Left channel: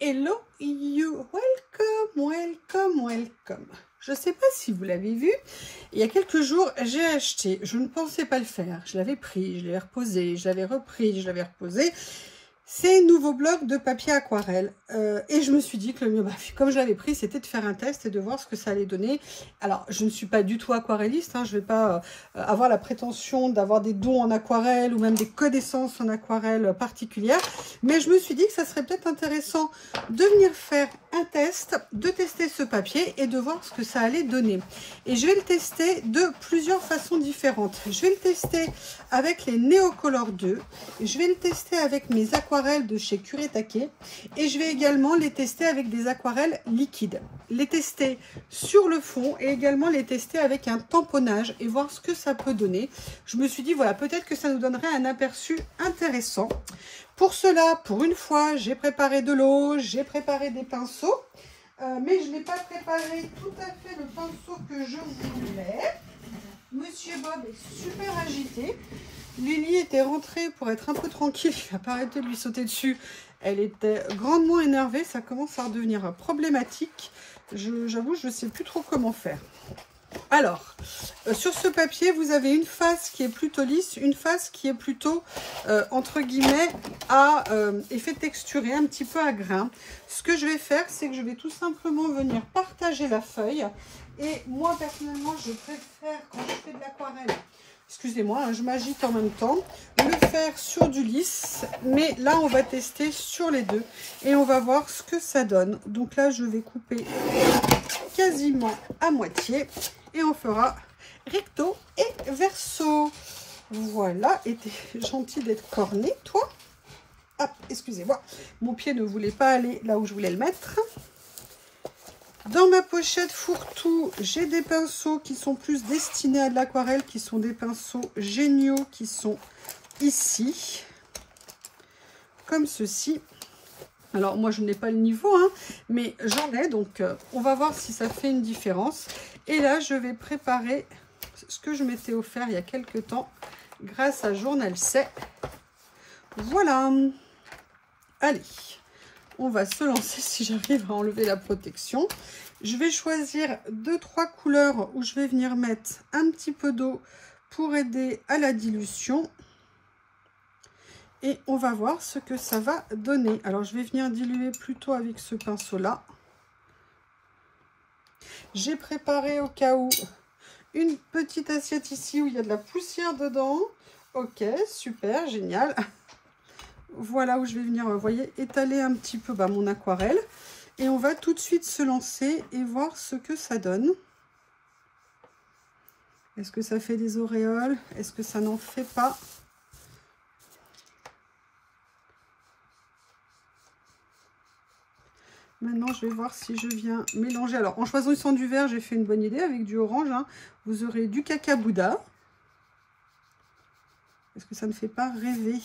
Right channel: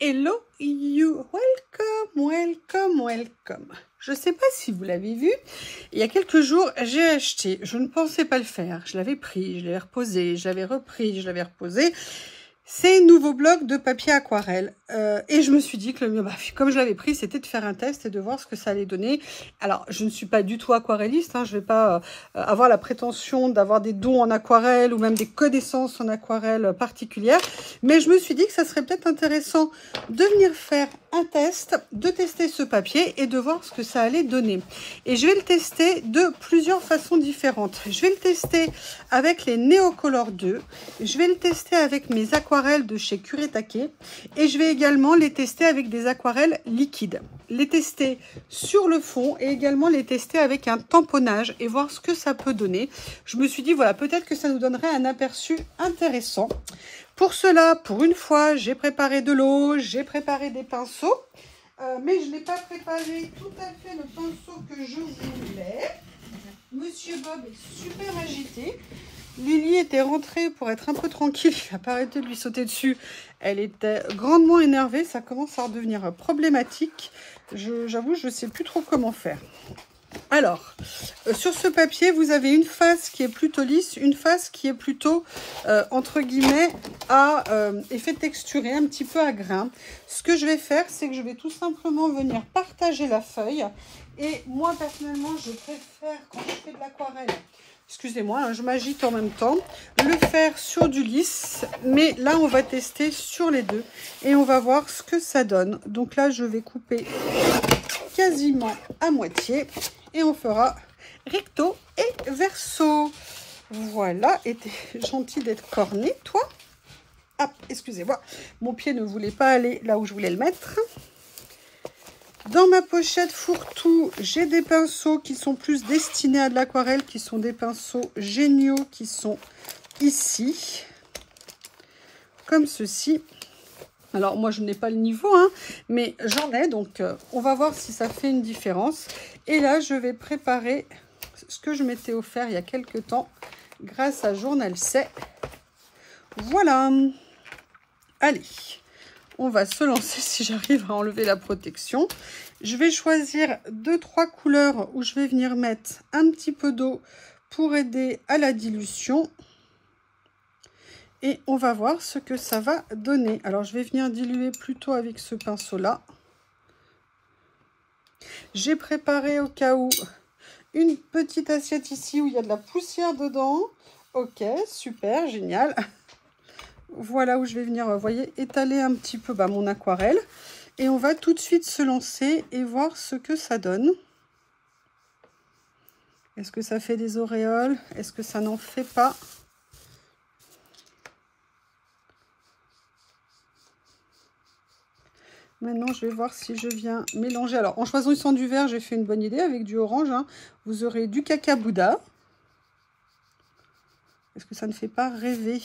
Hello you, welcome. Je ne sais pas si vous l'avez vu, il y a quelques jours, j'ai acheté, je ne pensais pas le faire, je l'avais pris, je l'avais reposé, j'avais repris, je l'avais reposé. C'est un nouveau bloc de papier aquarelle et je me suis dit que le mieux, comme je l'avais pris, c'était de faire un test et de voir ce que ça allait donner. Alors, je ne suis pas du tout aquarelliste, hein, je ne vais pas avoir la prétention d'avoir des dons en aquarelle ou même des connaissances en aquarelle particulières, mais je me suis dit que ça serait peut-être intéressant de venir faire un test, de tester ce papier et de voir ce que ça allait donner. Et je vais le tester de plusieurs façons différentes. Je vais le tester avec les Neocolor 2, je vais le tester avec mes aquarelles de chez Kuretake et je vais également les tester avec des aquarelles liquides, les tester sur le fond et également les tester avec un tamponnage et voir ce que ça peut donner. Je me suis dit voilà, peut-être que ça nous donnerait un aperçu intéressant. Pour cela, pour une fois, j'ai préparé de l'eau, j'ai préparé des pinceaux, mais je n'ai pas préparé tout à fait le pinceau que je voulais. Monsieur Bob est super agité. Lily était rentrée pour être un peu tranquille, il n'a pas arrêté de lui sauter dessus. Elle était grandement énervée, ça commence à devenir problématique. J'avoue, je ne sais plus trop comment faire. Alors, sur ce papier, vous avez une face qui est plutôt lisse, une face qui est plutôt, entre guillemets, à effet texturé, un petit peu à grain. Ce que je vais faire, c'est que je vais tout simplement venir partager la feuille. Et moi, personnellement, je préfère, quand je fais de l'aquarelle, excusez-moi, hein, je m'agite en même temps, le faire sur du lisse. Mais là, on va tester sur les deux et on va voir ce que ça donne. Donc là, je vais couper quasiment à moitié et on fera recto et verso. Voilà, et t'es gentil d'être corné, toi. Ah, excusez-moi, mon pied ne voulait pas aller là où je voulais le mettre. Dans ma pochette fourre-tout, j'ai des pinceaux qui sont plus destinés à de l'aquarelle, qui sont des pinceaux géniaux, qui sont ici, comme ceci. Alors, moi, je n'ai pas le niveau, hein, mais j'en ai, donc on va voir si ça fait une différence. Et là, je vais préparer ce que je m'étais offert il y a quelques temps, grâce à Journal C. Voilà. Allez. On va se lancer si j'arrive à enlever la protection. Je vais choisir 2-3 couleurs où je vais venir mettre un petit peu d'eau pour aider à la dilution. Et on va voir ce que ça va donner. Alors, je vais venir diluer plutôt avec ce pinceau-là. J'ai préparé au cas où une petite assiette ici où il y a de la poussière dedans. Ok, super, génial. Voilà où je vais venir, vous voyez, étaler un petit peu mon aquarelle. Et on va tout de suite se lancer et voir ce que ça donne. Est-ce que ça fait des auréoles? Est-ce que ça n'en fait pas? Maintenant, je vais voir si je viens mélanger. Alors, en choisissant du vert, j'ai fait une bonne idée avec du orange. Hein. Vous aurez du cacabouda. Est-ce que ça ne fait pas rêver?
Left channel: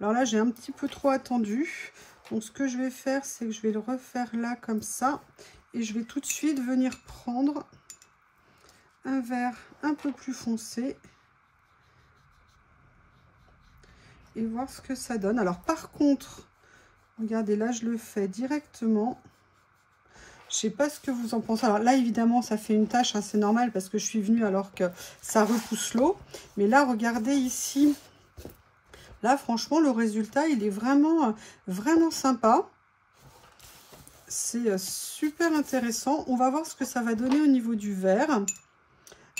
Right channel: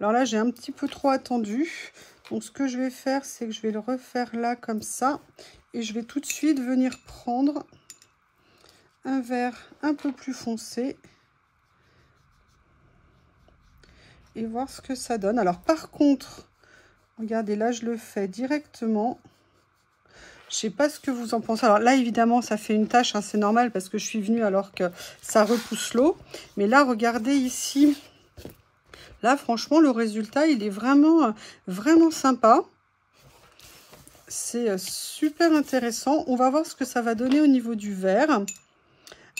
Alors là, j'ai un petit peu trop attendu. Donc, ce que je vais faire, c'est que je vais le refaire là, comme ça. Et je vais tout de suite venir prendre un vert un peu plus foncé. Et voir ce que ça donne. Alors, par contre, regardez, là, je le fais directement. Je ne sais pas ce que vous en pensez. Alors là, évidemment, ça fait une tache. Hein, c'est normal parce que je suis venue alors que ça repousse l'eau. Mais là, regardez ici. Là, franchement, le résultat, il est vraiment, vraiment sympa. C'est super intéressant. On va voir ce que ça va donner au niveau du vert.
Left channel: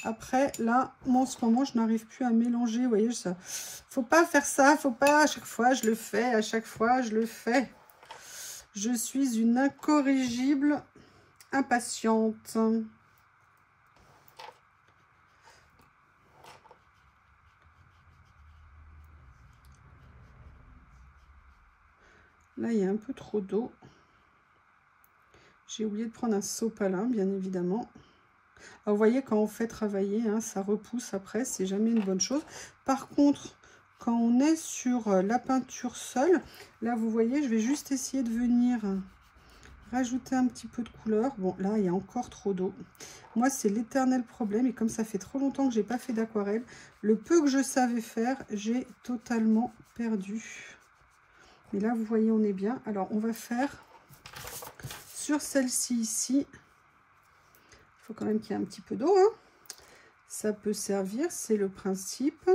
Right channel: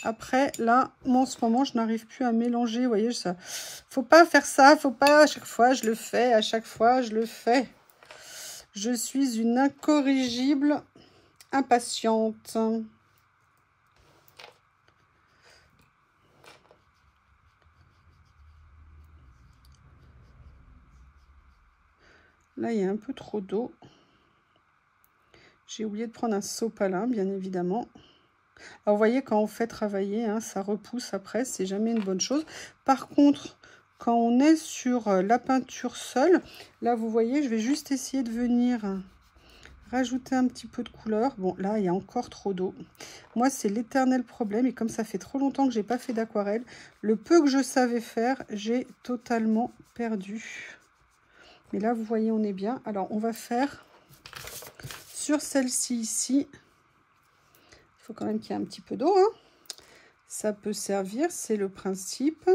Après, là, moi, en ce moment, je n'arrive plus à mélanger. Vous voyez, ça, faut pas faire ça. Faut pas, à chaque fois, je le fais. À chaque fois, je le fais. Je suis une incorrigible impatiente. Là, il y a un peu trop d'eau. J'ai oublié de prendre un sopalin, bien évidemment. Alors, vous voyez, quand on fait travailler, hein, ça repousse après. C'est jamais une bonne chose. Par contre, quand on est sur la peinture seule, là, vous voyez, je vais juste essayer de venir rajouter un petit peu de couleur. Bon, là, il y a encore trop d'eau. Moi, c'est l'éternel problème. Et comme ça fait trop longtemps que j'ai pas fait d'aquarelle, le peu que je savais faire, j'ai totalement perdu. Mais là, vous voyez, on est bien. Alors, on va faire sur celle-ci ici. Il faut quand même qu'il y ait un petit peu d'eau, hein. Ça peut servir, c'est le principe.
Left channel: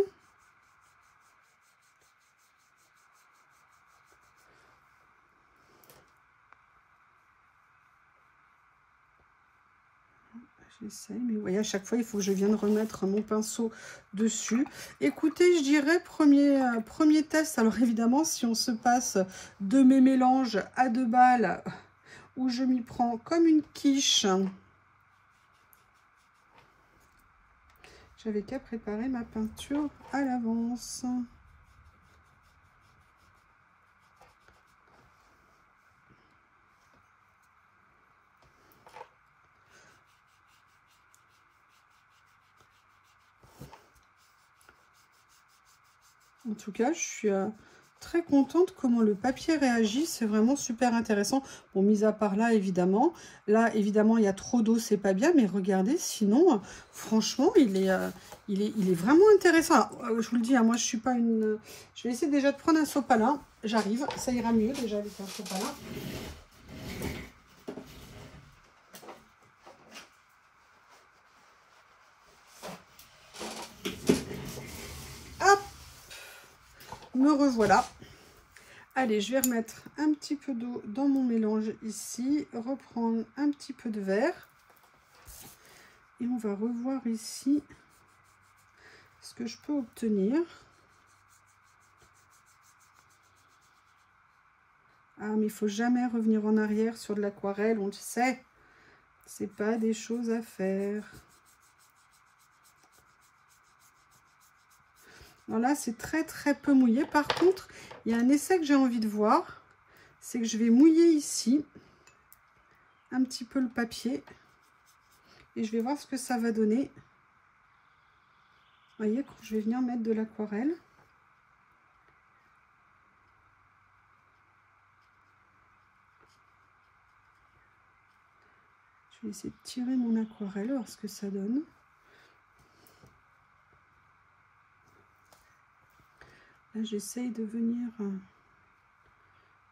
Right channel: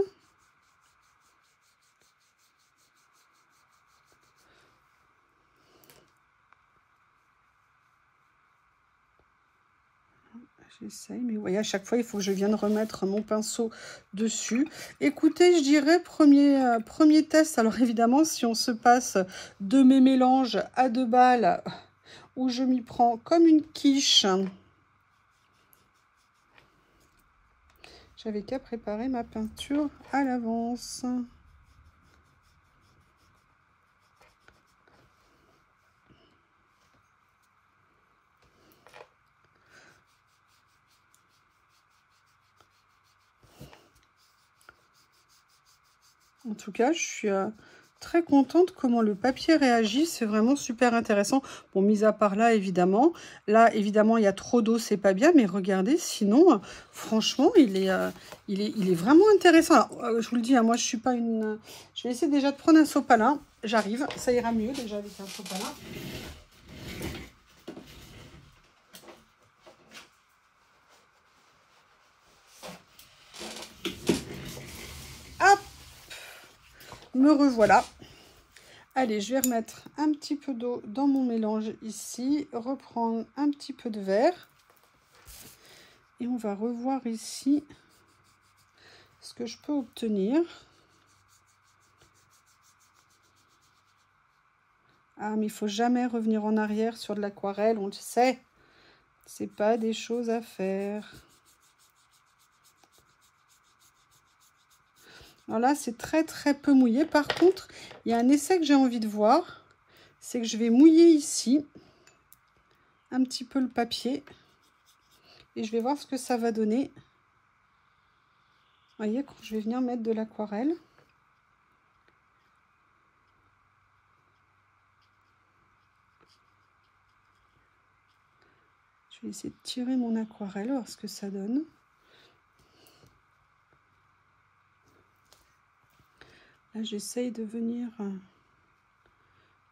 J'essaye, mais vous voyez, à chaque fois, il faut que je vienne remettre mon pinceau dessus. Écoutez, je dirais premier test. Alors évidemment, si on se passe de mes mélanges à 2 balles, où je m'y prends comme une quiche, j'avais qu'à préparer ma peinture à l'avance. En tout cas, je suis très contente comment le papier réagit. C'est vraiment super intéressant. Bon, mis à part là, évidemment. Là, évidemment, il y a trop d'eau, c'est pas bien. Mais regardez, sinon, franchement, il est vraiment intéressant. Alors, je vous le dis, hein, moi, je suis pas une... Je vais essayer déjà de prendre un sopalin. J'arrive. Ça ira mieux déjà avec un sopalin. Hop! Me revoilà. Allez, je vais remettre un petit peu d'eau dans mon mélange ici, reprendre un petit peu de verre. Et on va revoir ici ce que je peux obtenir. Ah, mais il faut jamais revenir en arrière sur de l'aquarelle, on le sait. C'est pas des choses à faire. Alors là, c'est très peu mouillé. Par contre, il y a un essai que j'ai envie de voir. C'est que je vais mouiller ici un petit peu le papier. Et je vais voir ce que ça va donner. Vous voyez, quand je vais venir mettre de l'aquarelle. Je vais essayer de tirer mon aquarelle, voir ce que ça donne. Là, j'essaye de venir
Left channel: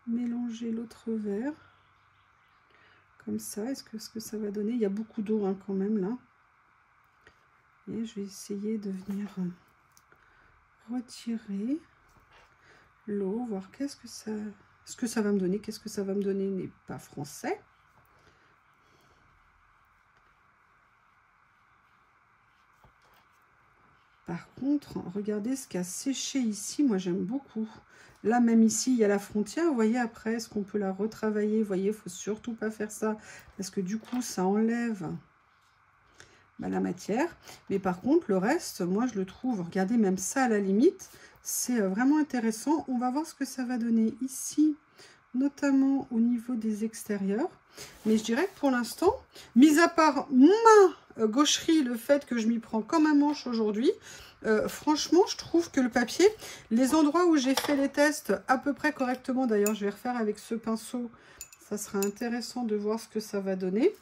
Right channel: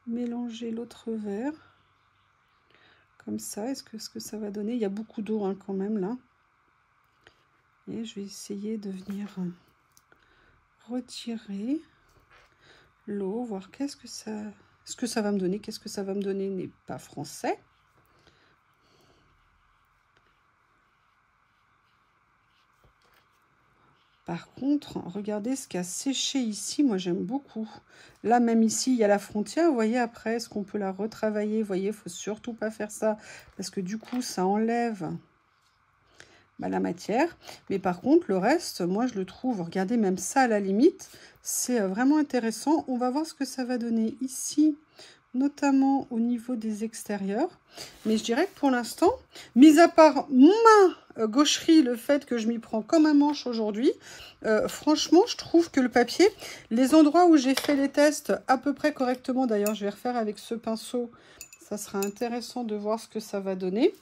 mélanger l'autre verre. Comme ça, est-ce que ça va donner? Il y a beaucoup d'eau hein, quand même là. Et je vais essayer de venir retirer l'eau, voir ce que ça va me donner. Qu'est-ce que ça va me donner n'est pas français. Par contre, regardez ce qui a séché ici. Moi, j'aime beaucoup. Là, même ici, il y a la frontière. Vous voyez, après, est-ce qu'on peut la retravailler? Vous voyez, il ne faut surtout pas faire ça. Parce que du coup, ça enlève la matière. Mais par contre, le reste, moi, je le trouve, regardez, même ça, à la limite, c'est vraiment intéressant. On va voir ce que ça va donner ici, notamment au niveau des extérieurs. Mais je dirais que pour l'instant, mis à part ma gaucherie, le fait que je m'y prends comme un manche aujourd'hui, franchement, je trouve que le papier, les endroits où j'ai fait les tests à peu près correctement, d'ailleurs, je vais refaire avec ce pinceau, ça sera intéressant de voir ce que ça va donner.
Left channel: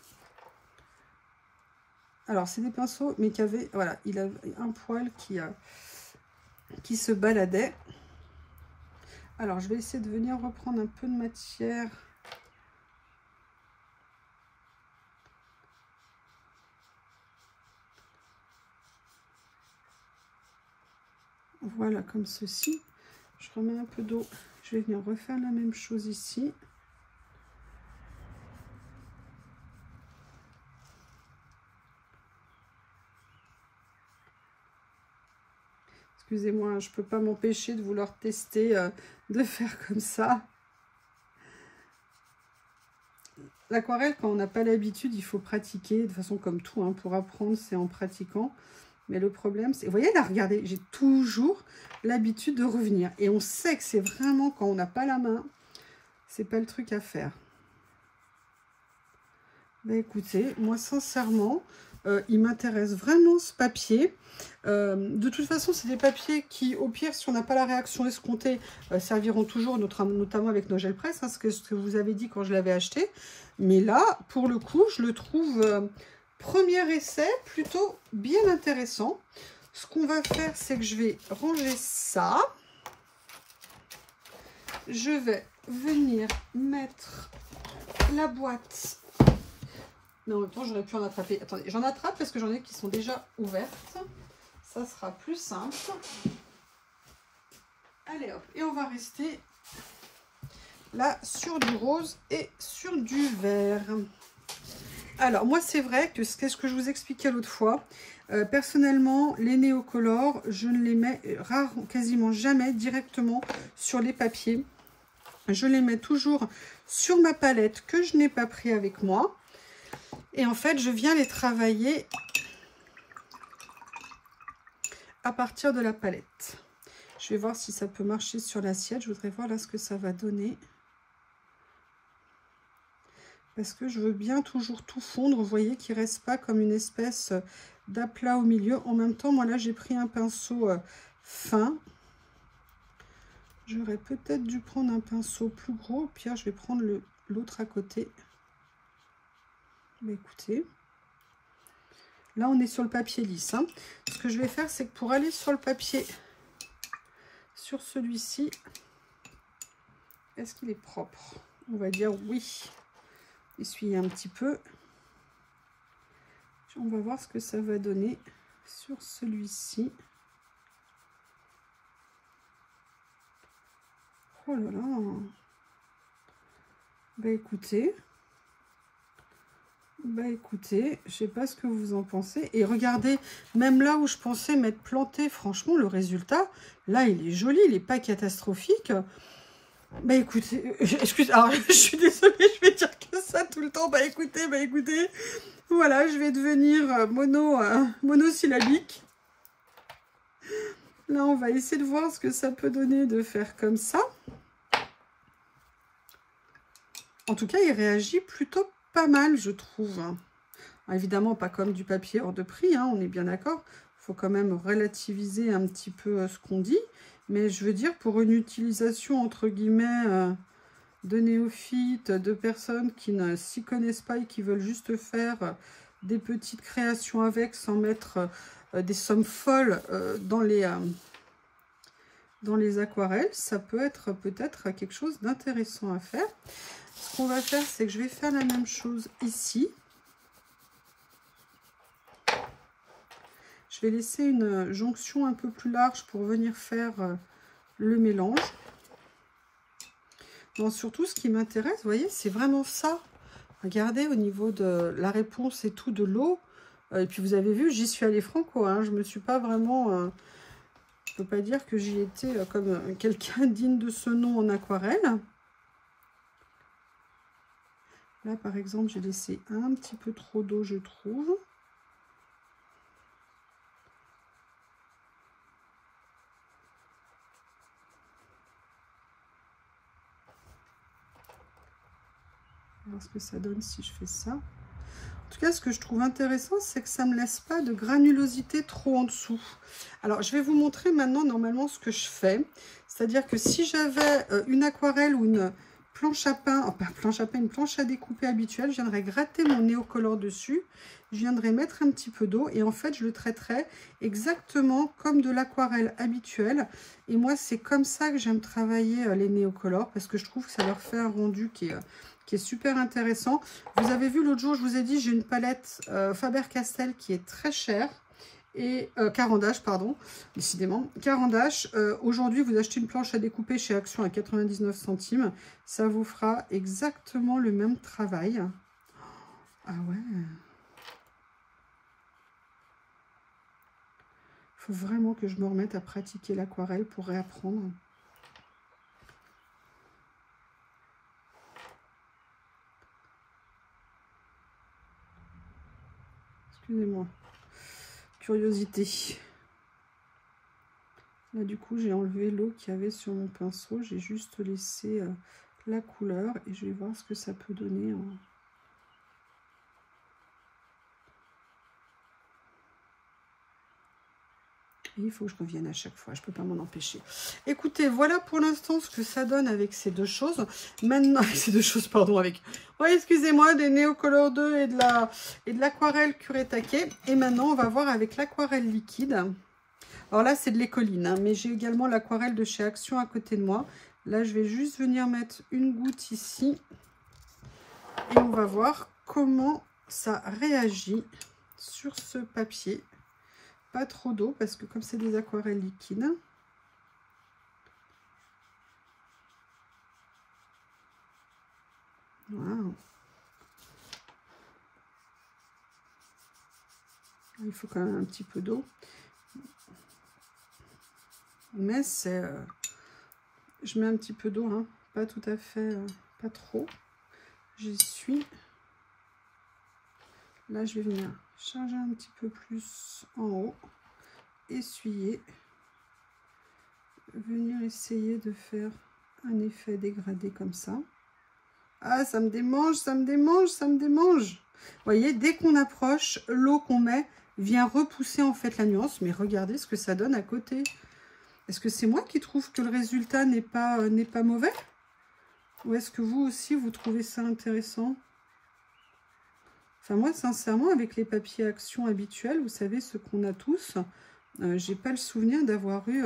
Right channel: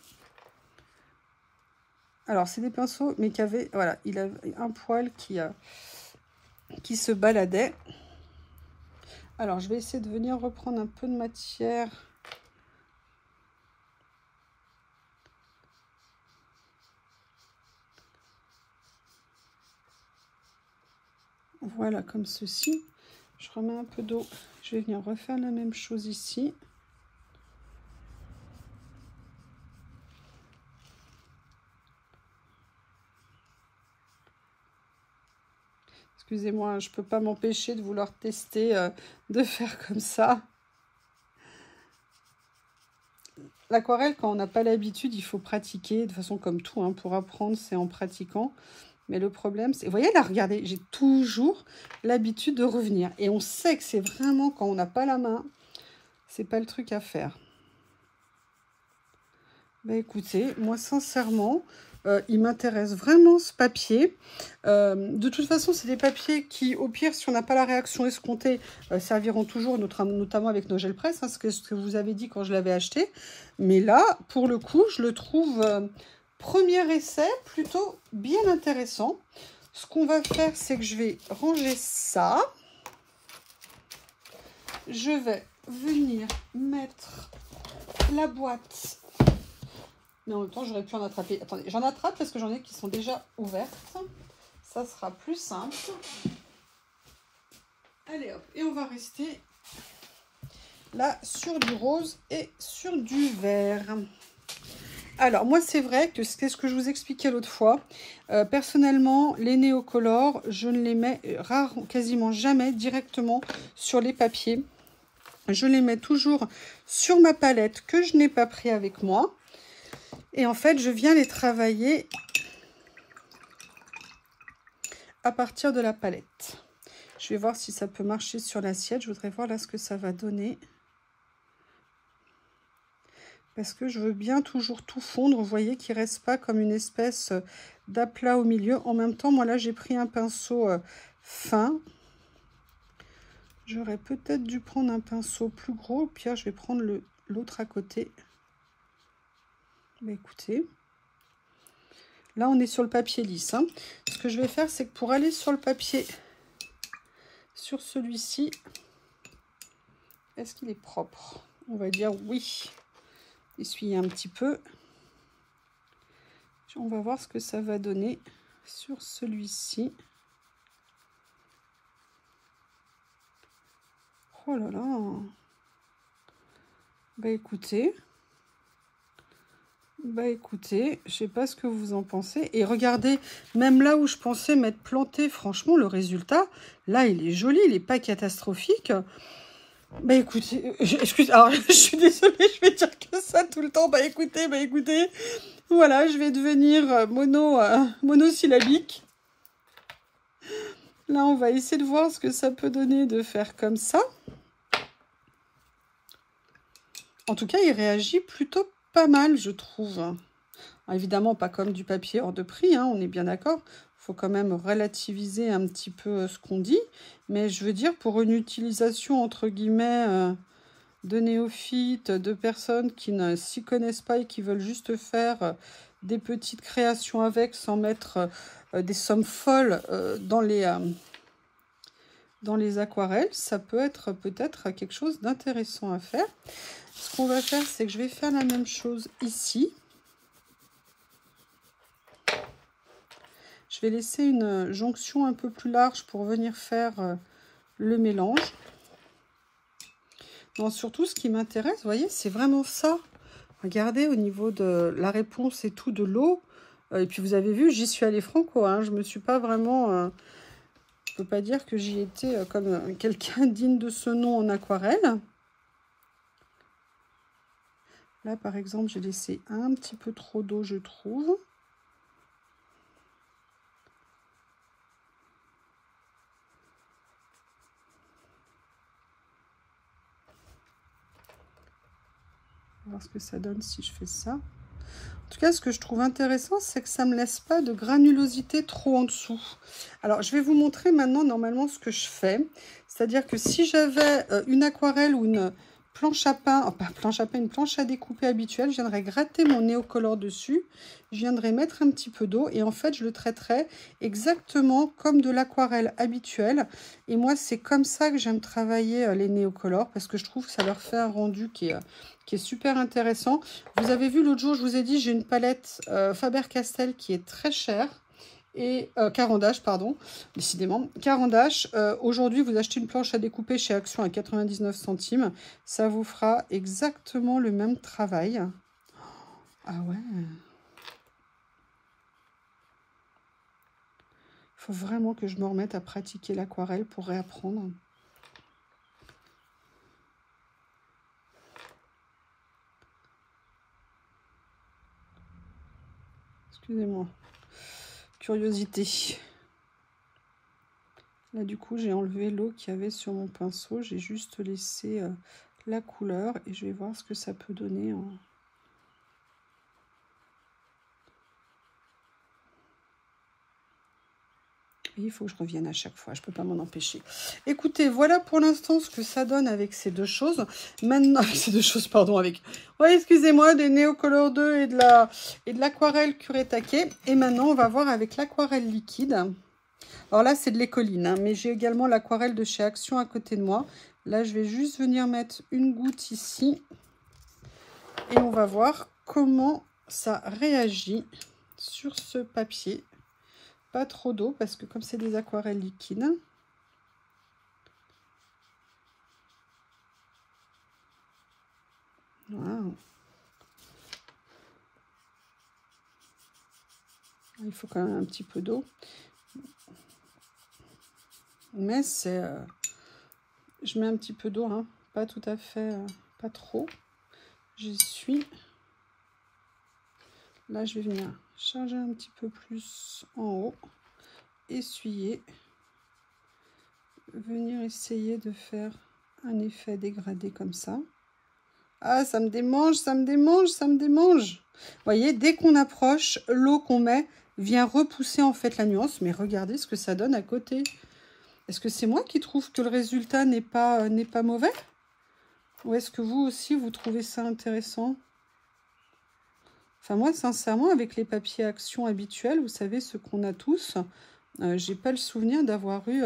Alors, c'est des pinceaux, mais qui avaient, voilà, il a un poil qui se baladait. Alors, je vais essayer de venir reprendre un peu de matière. Voilà, comme ceci. Je remets un peu d'eau. Je vais venir refaire la même chose ici. Excusez-moi, je ne peux pas m'empêcher de vouloir tester, de faire comme ça. L'aquarelle, quand on n'a pas l'habitude, il faut pratiquer. De toute façon, comme tout, hein, pour apprendre, c'est en pratiquant. Mais le problème, c'est... Vous voyez là, regardez, j'ai toujours l'habitude de revenir. Et on sait que c'est vraiment, quand on n'a pas la main, c'est pas le truc à faire. Bah écoutez, moi, sincèrement... il m'intéresse vraiment ce papier. De toute façon, c'est des papiers qui, au pire, si on n'a pas la réaction escomptée, serviront toujours, notamment avec nos gels presse, hein, ce que vous avez dit quand je l'avais acheté. Mais là, pour le coup, je le trouve, premier essai, plutôt bien intéressant. Ce qu'on va faire, c'est que je vais ranger ça. je vais venir mettre la boîte. Mais en même temps, j'aurais pu en attraper. Attendez, j'en attrape parce que j'en ai qui sont déjà ouvertes. Ça sera plus simple. Allez hop, et on va rester là sur du rose et sur du vert. Alors moi c'est vrai que c'est ce que je vous expliquais l'autre fois. Personnellement les néocolores je ne les mets quasiment jamais directement sur les papiers. Je les mets toujours sur ma palette que je n'ai pas pris avec moi. Et en fait je viens les travailler à partir de la palette. Je vais voir si ça peut marcher sur l'assiette. Je voudrais voir là ce que ça va donner. Parce que je veux bien toujours tout fondre. Vous voyez qu'il ne reste pas comme une espèce d'aplat au milieu. En même temps, moi là, j'ai pris un pinceau fin. J'aurais peut-être dû prendre un pinceau plus gros. Puis là, je vais prendre l'autre à côté. Mais écoutez, là, on est sur le papier lisse. Hein. Ce que je vais faire, c'est que pour aller sur le papier, sur celui-ci, est-ce qu'il est propre? On va dire oui. Essuyer un petit peu. On va voir ce que ça va donner sur celui-ci. Oh là là. Bah écoutez, je sais pas ce que vous en pensez. Et regardez, même là où je pensais m'être plantée, franchement, le résultat, là, il est joli, il n'est pas catastrophique. Bah écoutez, alors je suis désolée, je vais dire que ça tout le temps. Bah écoutez, voilà, je vais devenir monosyllabique. Là, on va essayer de voir ce que ça peut donner de faire comme ça. En tout cas, il réagit plutôt pas mal, je trouve. Alors, évidemment, pas comme du papier hors de prix, hein, on est bien d'accord. Il faut quand même relativiser un petit peu ce qu'on dit. Mais je veux dire, pour une utilisation, entre guillemets, de néophytes, de personnes qui ne s'y connaissent pas et qui veulent juste faire des petites créations avec, sans mettre des sommes folles dans les aquarelles, ça peut être peut-être quelque chose d'intéressant à faire. Ce qu'on va faire, c'est que je vais faire la même chose ici. Je vais laisser une jonction un peu plus large pour venir faire le mélange. Non, surtout, ce qui m'intéresse, vous voyez, c'est vraiment ça. Regardez au niveau de la réponse et tout de l'eau. Et puis, vous avez vu, j'y suis allée franco. Hein, je ne me suis pas vraiment... je ne peux pas dire que j'y étais comme quelqu'un digne de ce nom en aquarelle. Là, par exemple, j'ai laissé un petit peu trop d'eau, je trouve. On va voir ce que ça donne si je fais ça. En tout cas, ce que je trouve intéressant, c'est que ça ne me laisse pas de granulosité trop en dessous. Alors, je vais vous montrer maintenant, normalement, ce que je fais. C'est-à-dire que si j'avais une aquarelle ou une planche à pain, pas planche à pain, une planche à découper habituelle, je viendrais gratter mon néocolore dessus. Je viendrais mettre un petit peu d'eau et en fait, je le traiterais exactement comme de l'aquarelle habituelle. Et moi, c'est comme ça que j'aime travailler les néocolores parce que je trouve que ça leur fait un rendu qui est super intéressant. Vous avez vu l'autre jour, je vous ai dit, j'ai une palette Faber-Castell qui est très chère. Et Caran d'Ache, pardon, décidément. Caran d'Ache, aujourd'hui, vous achetez une planche à découper chez Action à 99 centimes. Ça vous fera exactement le même travail. Ah ouais. Il faut vraiment que je me remette à pratiquer l'aquarelle pour réapprendre. Excusez-moi. Curiosité. Là, du coup, j'ai enlevé l'eau qu'il y avait sur mon pinceau. J'ai juste laissé la couleur et je vais voir ce que ça peut donner. Et il faut que je revienne à chaque fois. Je ne peux pas m'en empêcher. Écoutez, voilà pour l'instant ce que ça donne avec ces deux choses. Maintenant, avec ces deux choses, pardon, avec... Ouais, excusez-moi, des Néocolor 2 et de l'aquarelle Kuretake. Et maintenant, on va voir avec l'aquarelle liquide. Alors là, c'est de l'écoline, hein, mais j'ai également l'aquarelle de chez Action à côté de moi. Là, je vais juste venir mettre une goutte ici. Et on va voir comment ça réagit sur ce papier. Pas trop d'eau parce que comme c'est des aquarelles liquides. Wow. Il faut quand même un petit peu d'eau. Mais c'est... je mets un petit peu d'eau, hein, pas tout à fait, pas trop. J'y suis. Là, je vais venir charger un petit peu plus en haut. Essuyer. Venir essayer de faire un effet dégradé comme ça. Ah, ça me démange, ça me démange, ça me démange. Vous voyez, dès qu'on approche, l'eau qu'on met vient repousser en fait la nuance. Mais regardez ce que ça donne à côté. Est-ce que c'est moi qui trouve que le résultat n'est pas mauvais? Ou est-ce que vous aussi, vous trouvez ça intéressant? Enfin, moi, sincèrement, avec les papiers Action habituels, vous savez, ce qu'on a tous, j'ai pas le souvenir d'avoir eu...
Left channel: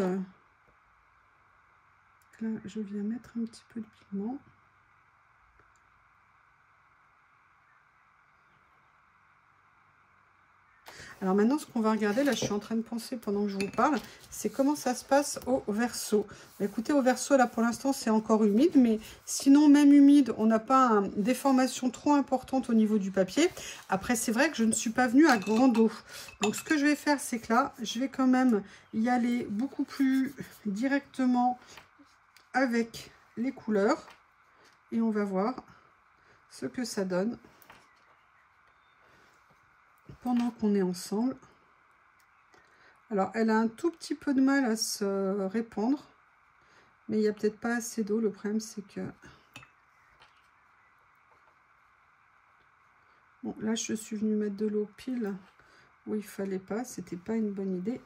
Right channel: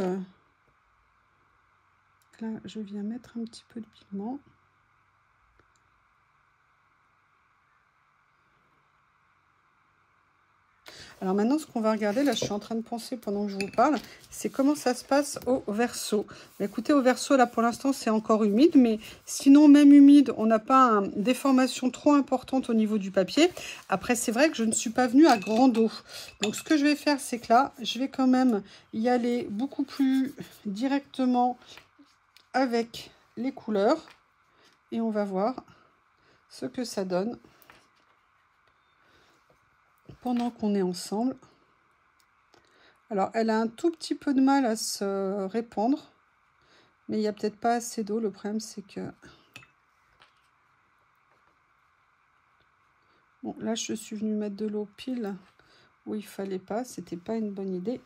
Là, je viens mettre un petit peu de pigment. Alors maintenant, ce qu'on va regarder, là je suis en train de penser pendant que je vous parle, c'est comment ça se passe au verso. Écoutez, au verso, là pour l'instant, c'est encore humide, mais sinon, même humide, on n'a pas une déformation trop importante au niveau du papier. Après, c'est vrai que je ne suis pas venue à grande eau. Donc, ce que je vais faire, c'est que là, je vais quand même y aller beaucoup plus directement avec les couleurs. Et on va voir ce que ça donne pendant qu'on est ensemble. Alors, elle a un tout petit peu de mal à se répandre, mais il n'y a peut-être pas assez d'eau. Le problème, c'est que... Bon, là, je suis venue mettre de l'eau pile où il fallait pas. C'était pas une bonne idée.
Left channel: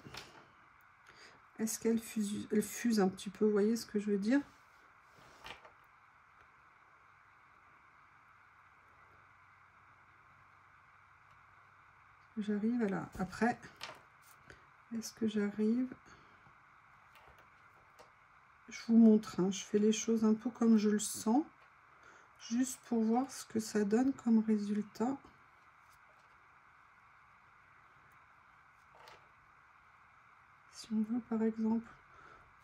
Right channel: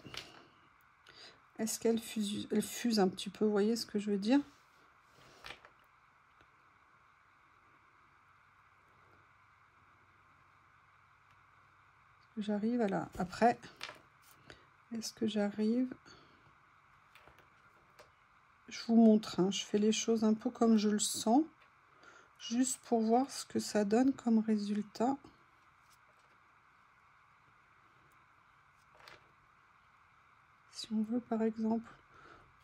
Est-ce qu'elle fuse, elle fuse un petit peu? Vous voyez ce que je veux dire? J'arrive à là. Après... Est-ce que j'arrive? Je vous montre, hein, je fais les choses un peu comme je le sens, juste pour voir ce que ça donne comme résultat. Si on veut, par exemple,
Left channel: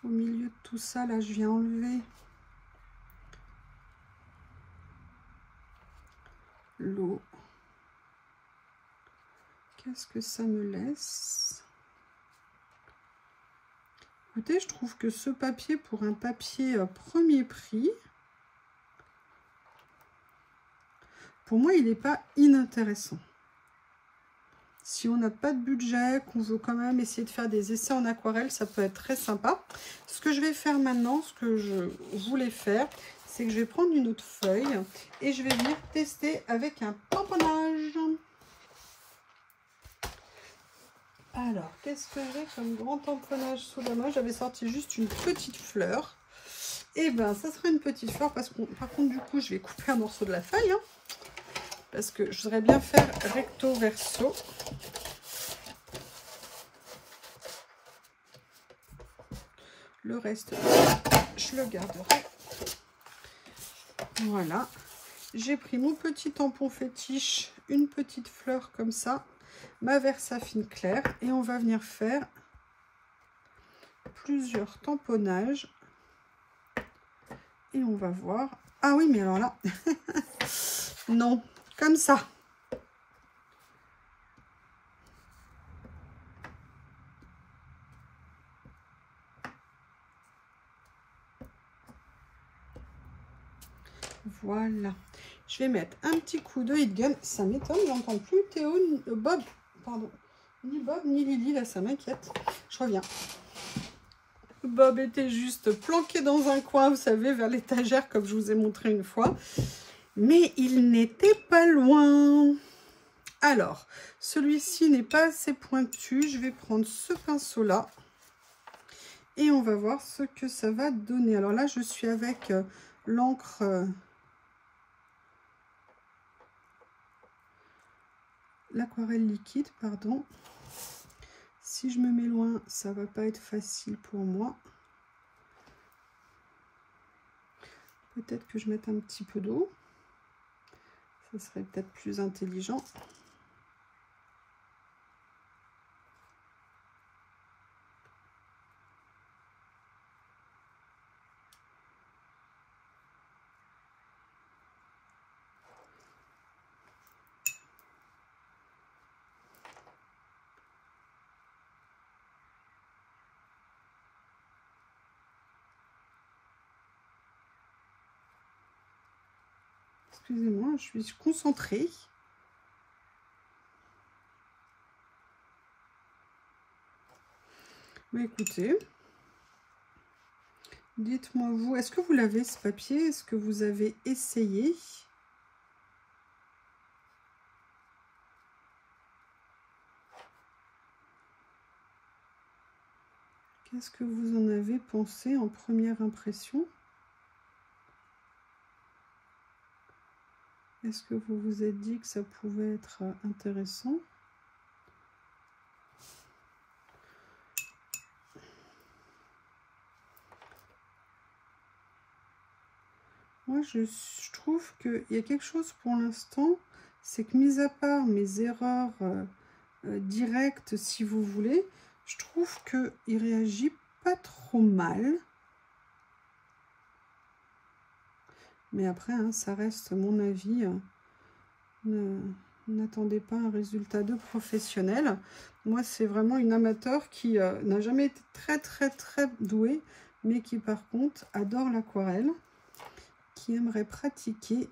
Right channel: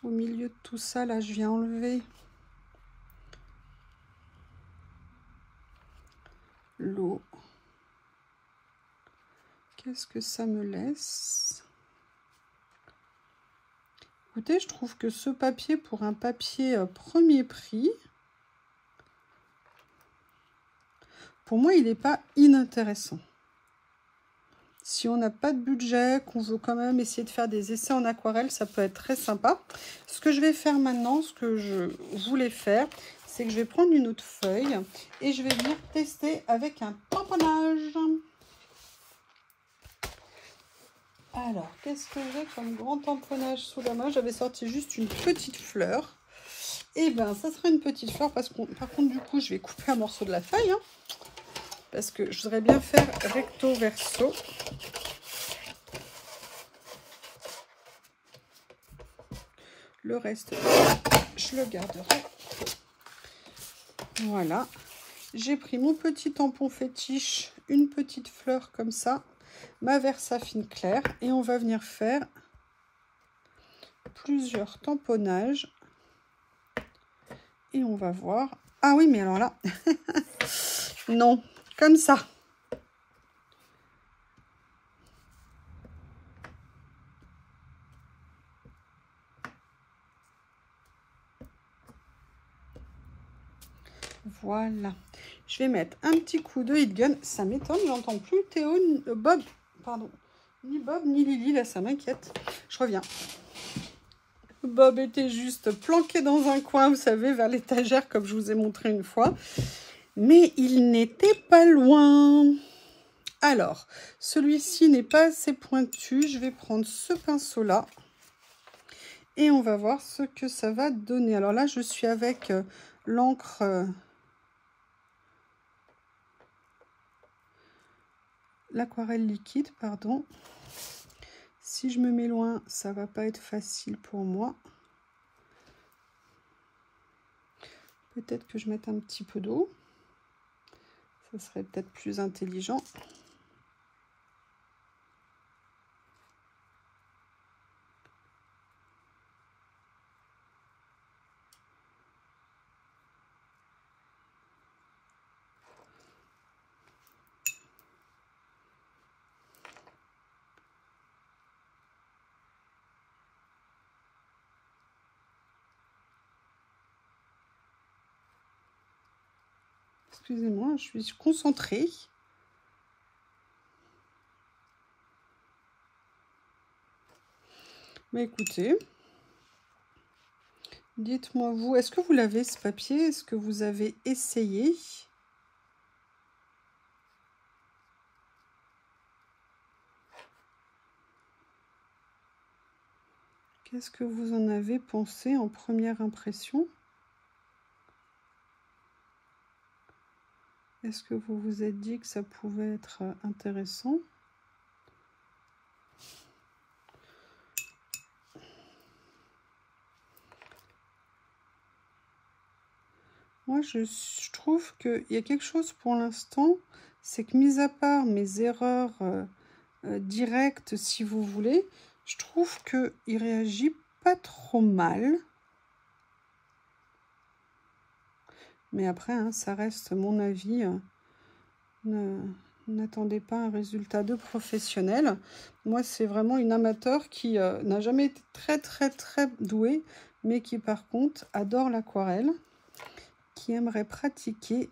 au milieu de tout ça, là, je viens enlever l'eau. Qu'est-ce que ça me laisse? Écoutez, je trouve que ce papier, pour un papier premier prix, pour moi, il n'est pas inintéressant. Si on n'a pas de budget, qu'on veut quand même essayer de faire des essais en aquarelle, ça peut être très sympa. Ce que je vais faire maintenant, ce que je voulais faire, c'est que je vais prendre une autre feuille et je vais venir tester avec un tamponnage. Alors, qu'est-ce que j'ai comme grand tamponnage sous la main? J'avais sorti juste une petite fleur. Et bien, ça sera une petite fleur parce que, par contre, du coup, je vais couper un morceau de la feuille. Hein, parce que je voudrais bien faire recto verso. Le reste, je le garderai. Voilà. J'ai pris mon petit tampon fétiche, une petite fleur comme ça, ma Versafine claire. Et on va venir faire plusieurs tamponnages. Et on va voir. Ah oui, mais alors là, non, comme ça. Voilà. Je vais mettre un petit coup de heat gun. Ça m'étonne, j'entends plus Théo, Bob, pardon, ni Bob ni Lily, là ça m'inquiète. Je reviens. Bob était juste planqué dans un coin, vous savez, vers l'étagère, comme je vous ai montré une fois. Mais il n'était pas loin. Alors, celui-ci n'est pas assez pointu. Je vais prendre ce pinceau-là. Et on va voir ce que ça va donner. Alors là, je suis avec l'encre... l'aquarelle liquide, pardon. Si je me mets loin, ça va pas être facile pour moi. Peut-être que je mette un petit peu d'eau. Ça serait peut-être plus intelligent. Excusez-moi, je suis concentrée. Mais écoutez, dites-moi vous, est-ce que vous l'avez ce papier? Est-ce que vous avez essayé? Qu'est-ce que vous en avez pensé en première impression? Est-ce que vous vous êtes dit que ça pouvait être intéressant? Moi, je trouve qu'il y a quelque chose pour l'instant, c'est que mis à part mes erreurs directes, si vous voulez, je trouve qu'il réagit pas trop mal. Mais après, hein, ça reste mon avis. N'attendez pas un résultat de professionnel. Moi, c'est vraiment une amateur qui n'a jamais été très douée, mais qui par contre adore l'aquarelle, qui aimerait pratiquer.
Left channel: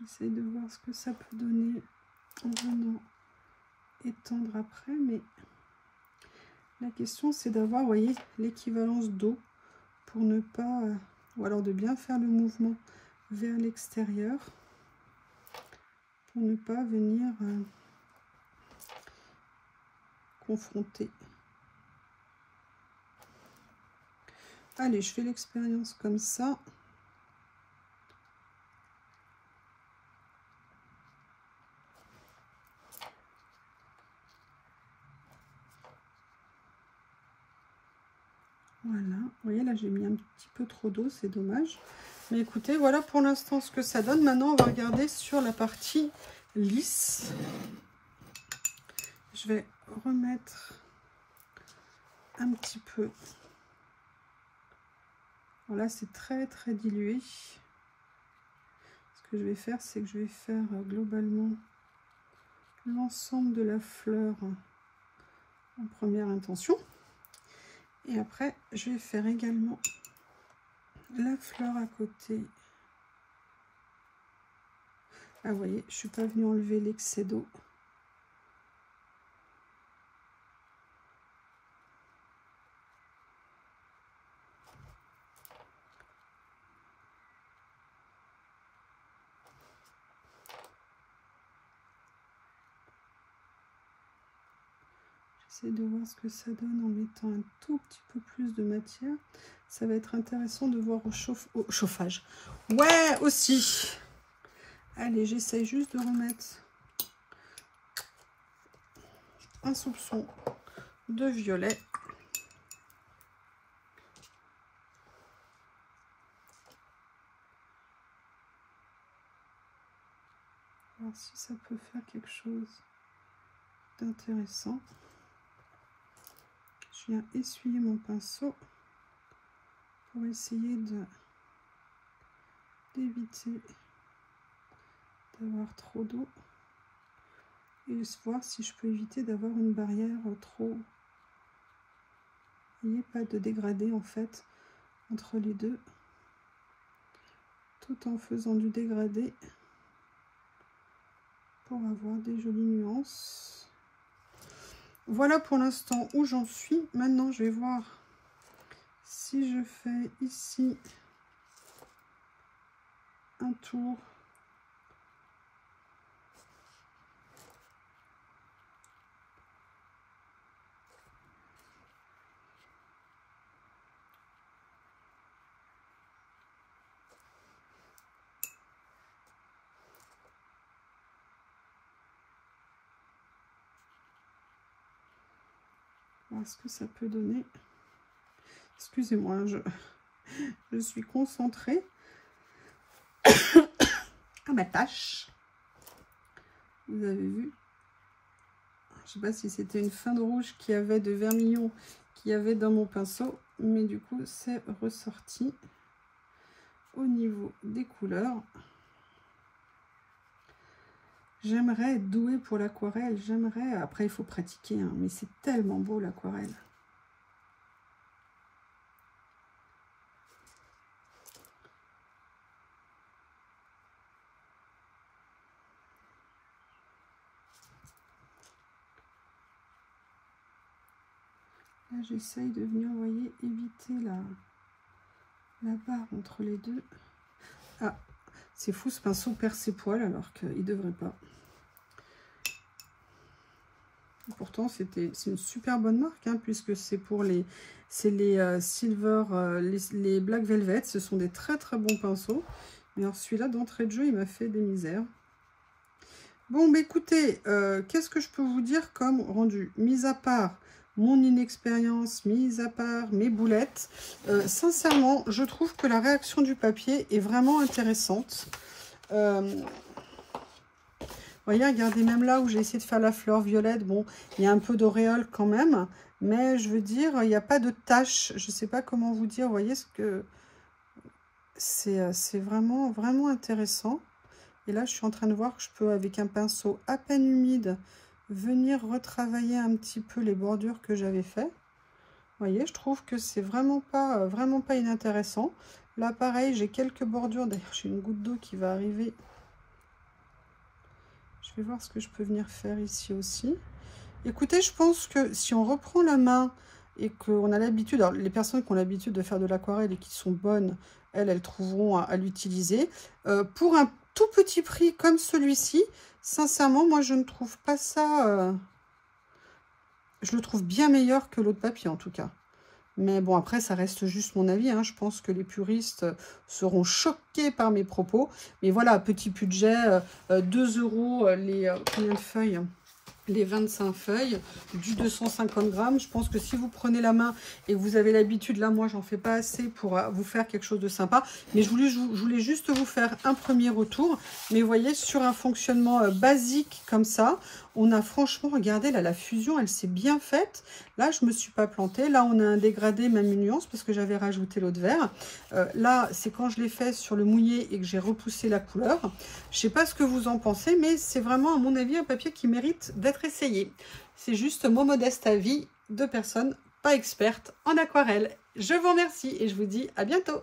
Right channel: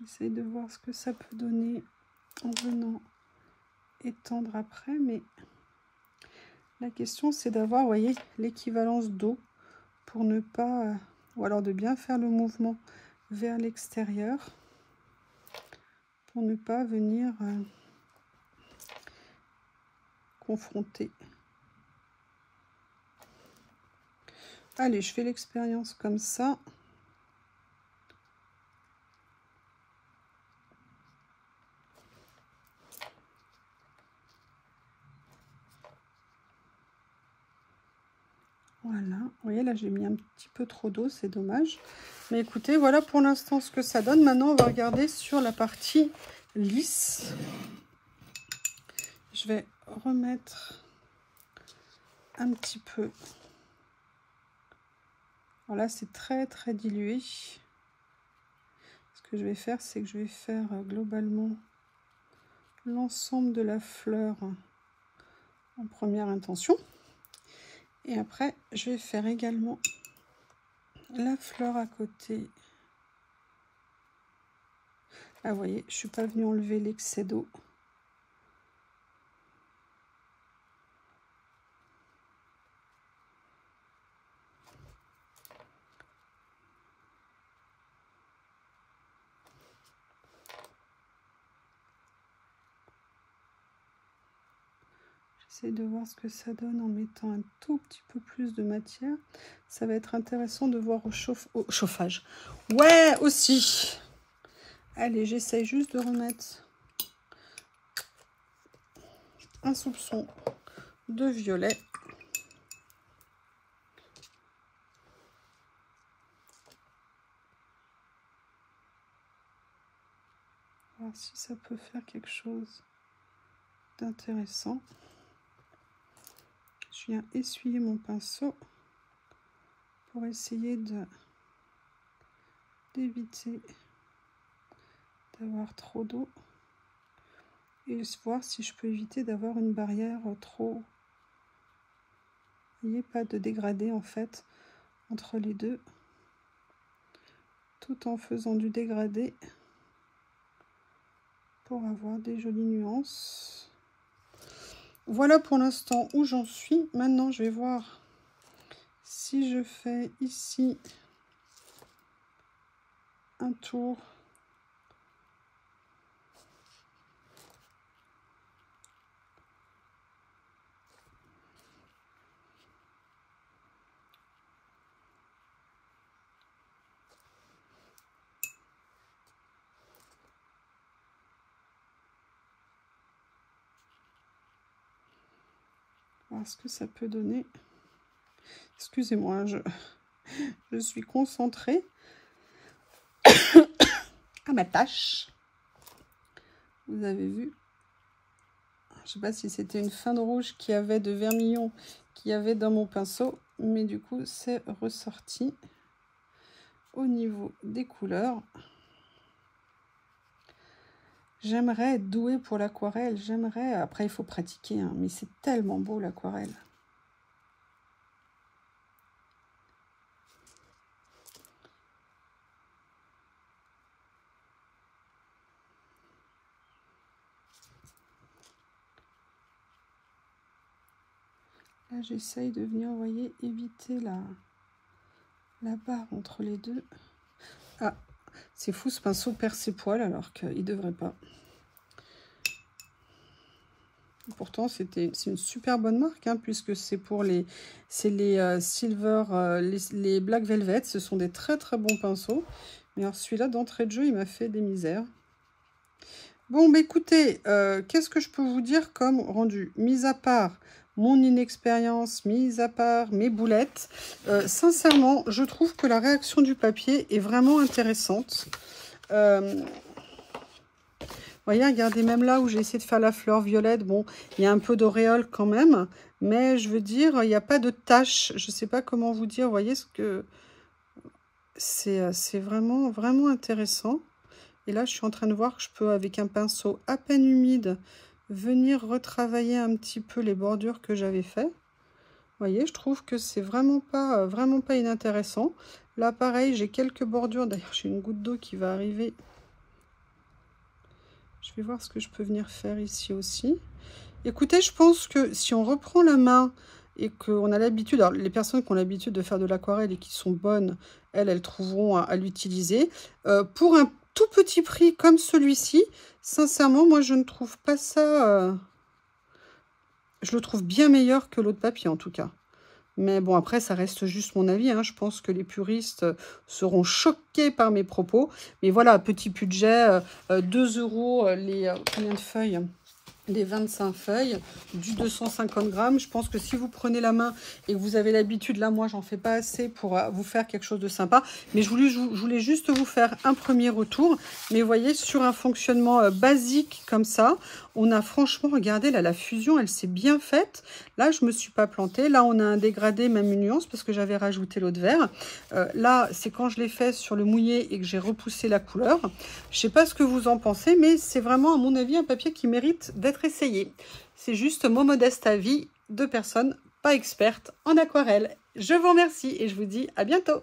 J'essaie de voir ce que ça peut donner en venant étendre après, mais la question c'est d'avoir, vous voyez, l'équivalence d'eau pour ne pas, ou alors de bien faire le mouvement vers l'extérieur pour ne pas venir confronter. Allez, je fais l'expérience comme ça. Voilà, vous voyez là j'ai mis un petit peu trop d'eau, c'est dommage. Mais écoutez, voilà pour l'instant ce que ça donne. Maintenant on va regarder sur la partie lisse. Je vais remettre un petit peu. Voilà, c'est très dilué. Ce que je vais faire, c'est que je vais faire globalement l'ensemble de la fleur en première intention. Et après, je vais faire également la fleur à côté. Ah, vous voyez, je ne suis pas venue enlever l'excès d'eau. J'essaie de voir ce que ça donne en mettant un tout petit peu plus de matière. Ça va être intéressant de voir au chauffage. Ouais, aussi. Allez, j'essaie juste de remettre un soupçon de violet. Voir si ça peut faire quelque chose d'intéressant. Je viens essuyer mon pinceau pour essayer d'éviter d'avoir trop d'eau et voir si je peux éviter d'avoir une barrière trop, il n'y ait pas de dégradé en fait entre les deux, tout en faisant du dégradé pour avoir des jolies nuances. Voilà pour l'instant où j'en suis. Maintenant je vais voir si je fais ici un tour. voir ce que ça peut donner. Excusez-moi, hein, je suis concentrée à ma tâche. Vous avez vu, je ne sais pas si c'était une fin de rouge qui avait de vermillon qu'il y avait dans mon pinceau, mais du coup c'est ressorti au niveau des couleurs. J'aimerais être douée pour l'aquarelle, j'aimerais, après il faut pratiquer, hein, mais c'est tellement beau l'aquarelle. Là, j'essaye de venir, vous voyez, éviter la barre entre les deux. Ah, c'est fou, ce pinceau perd ses poils alors qu'il ne devrait pas. Pourtant, c'est une super bonne marque, hein, puisque c'est pour les Silver, les Black Velvet. Ce sont des très très bons pinceaux. Mais alors celui-là, d'entrée de jeu, il m'a fait des misères. Bon, bah écoutez, qu'est-ce que je peux vous dire comme rendu? Mis à part mon inexpérience, mis à part mes boulettes, sincèrement, je trouve que la réaction du papier est vraiment intéressante. Vous voyez, regardez, même là où j'ai essayé de faire la fleur violette, bon, il y a un peu d'auréole quand même, mais je veux dire, il n'y a pas de tache. Je ne sais pas comment vous dire, vous voyez ce que... C'est vraiment, vraiment intéressant. Et là, je suis en train de voir que je peux, avec un pinceau à peine humide, venir retravailler un petit peu les bordures que j'avais fait. Vous voyez, je trouve que c'est vraiment pas inintéressant. Là, pareil, j'ai quelques bordures. D'ailleurs, j'ai une goutte d'eau qui va arriver. Je vais voir ce que je peux venir faire ici aussi. Écoutez, je pense que si on reprend la main et qu'on a l'habitude, alors les personnes qui ont l'habitude de faire de l'aquarelle et qui sont bonnes, elles trouveront à l'utiliser. Pour un tout petit prix comme celui-ci, sincèrement, moi je ne trouve pas ça... je le trouve bien meilleur que l'autre papier en tout cas. Mais bon, après, ça reste juste mon avis, hein. Je pense que les puristes seront choqués par mes propos. Mais voilà, petit budget, 2 € les... combien de feuilles? Les 25 feuilles, du 250 grammes. Je pense que si vous prenez la main et que vous avez l'habitude, là, moi, j'en fais pas assez pour vous faire quelque chose de sympa. Mais je voulais juste vous faire un premier retour. Mais vous voyez, sur un fonctionnement basique comme ça, on a franchement, regardez, là, la fusion, elle s'est bien faite. Là, je me suis pas plantée. Là, on a un dégradé, même une nuance, parce que j'avais rajouté l'eau de verre. Là, c'est quand je l'ai fait sur le mouillé et que j'ai repoussé la couleur. Je sais pas ce que vous en pensez, mais c'est vraiment, à mon avis, un papier qui mérite d'être essayé. C'est juste mon modeste avis de personne pas experte en aquarelle. Je vous remercie et je vous dis à bientôt.